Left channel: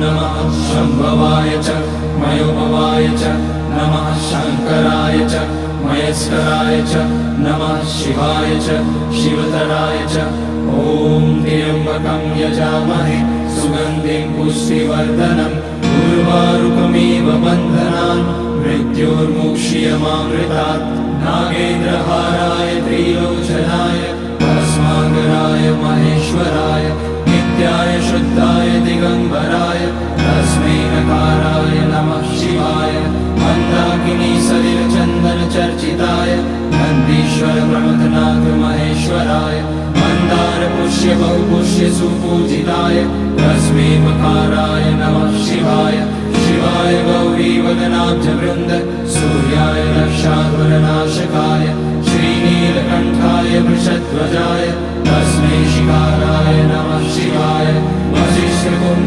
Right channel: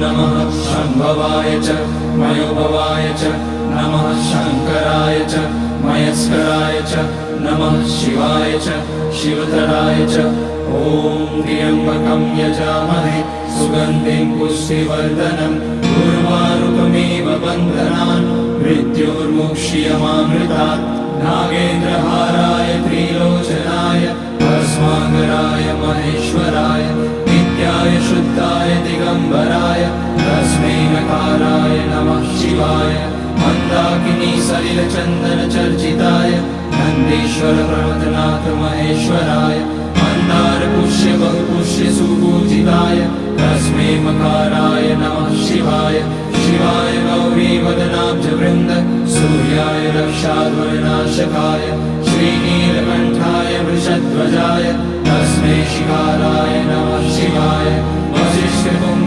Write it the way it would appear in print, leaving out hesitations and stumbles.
नमः शम्भवाय च मयोभवाय च नमः शङ्कराय च मयस्कराय च नमः शिवाय च शिवतराय च। ॐ त्र्यम्बकं यजामहे सुगन्धिं पुष्टिवर्धनम् उर्वारुकमिव बन्धनान् मृत्योर्मुक्ष्यमामृतात्। नागेन्द्रहाराय त्रिलोचनाय भस्माकराय महेश्वराय नित्याय शुद्धाय दिगम्बराय तस्मै नकाराय नमः शिवाय। मन्दाकिनी सलिलचन्दन चर्चिताय नन्दीश्वर प्रमथनाथ महेश्वराय मन्दार पुष्य बहुपुष्य सुपूजिताय तस्मै मकाराय नमः शिवाय। शिवाय गौरी वदनाब्ज वृन्द सूर्याय रक्षाध्वरनाशकाय श्रीनीलकण्ठाय वृषध्वजाय तस्मै शिकाराय नमः शिवाय। वसिष्ठ